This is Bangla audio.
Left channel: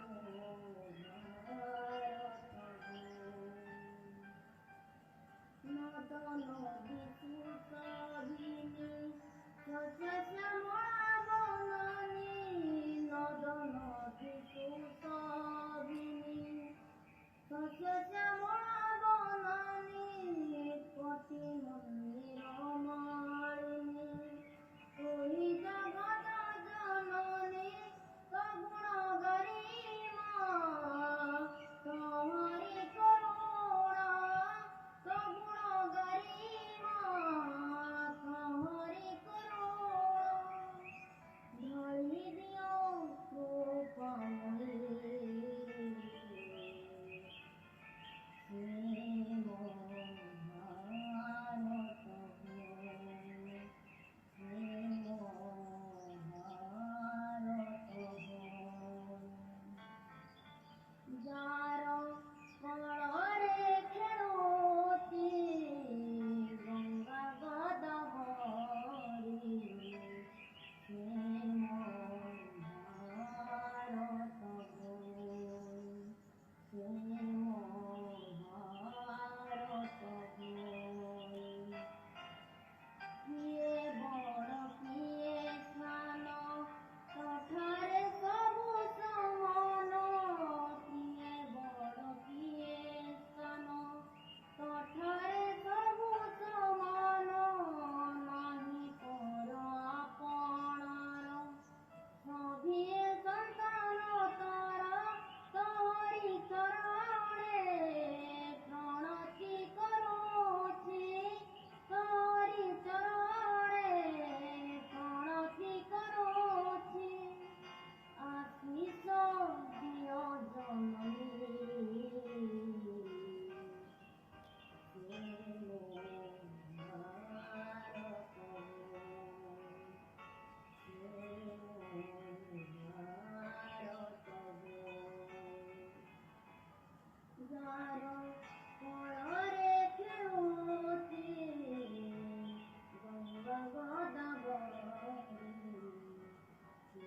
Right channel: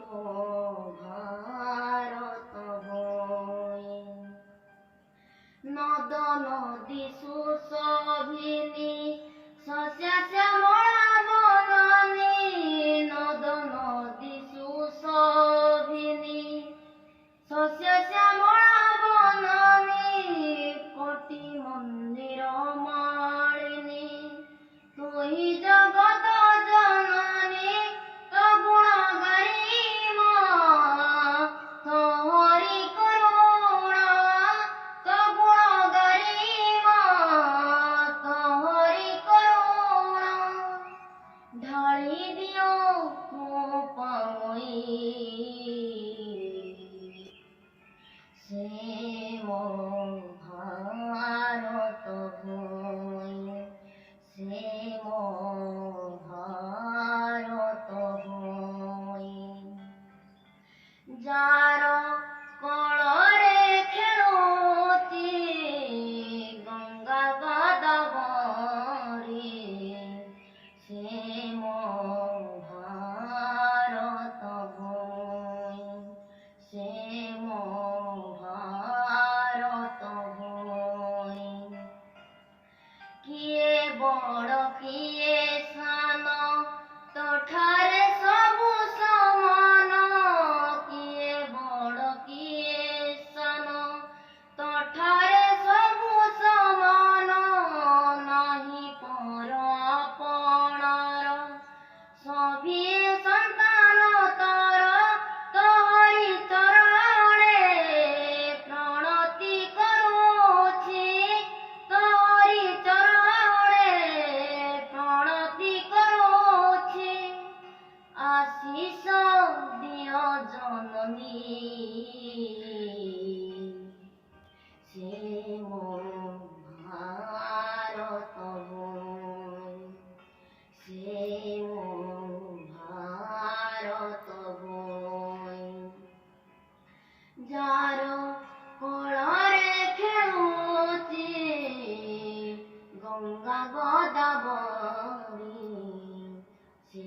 মো ভারত ভূমি। নদ নদী সুশোভিনী শস্য শ্যামলা বনানী, নদ নদী সুশোভিনী শস্য শ্যামলা বনানী, কোটি মন্দির মালিনী তুই জগত জননী। তো গুণ গারিম তোহরি করুণা, তো গুণ গারিম তোহরি করুণা। ঢালি দিও মো পাই সে মো ভারত ভূমি, সে মো ভারত ভূমি। যার কোଳରେ ଖେଳୁଛି ଗଙ୍ଗା ଗୋଦାବରୀ, ସେ ମୋ ଭାରତ ଭୂমি, ସେ ମୋ ଭାରତ ଭୂমি। କିଏ ବଡ଼ କିଏ ସାନ ତୋଠାରେ ସବୁ ସମାନ, କିଏ ବଡ଼ କିଏ ସାନ ତୋଠାରେ ସବୁ ସମାନ। ନାହିଁ ପର ଆପଣାର ସଭିଏ ସନ୍ତାନ ତୋର, ତୋହରି ଚରଣେ ପ୍ରଣତି କରୁଛି, ତୋହରି ଚରଣେ ପ୍ରଣତି କରୁଛି। ଆଶିଷ ଦିଅ ଜନନୀ ସେ ମୋ ଭାରତ ଭୂমি, ସେ ମୋ ଭାରତ ଭୂমি। ଯାର କୋଳରେ ଖେଳୁଛି ଗଙ୍ଗା ଗୋଦାବରୀ, ସେ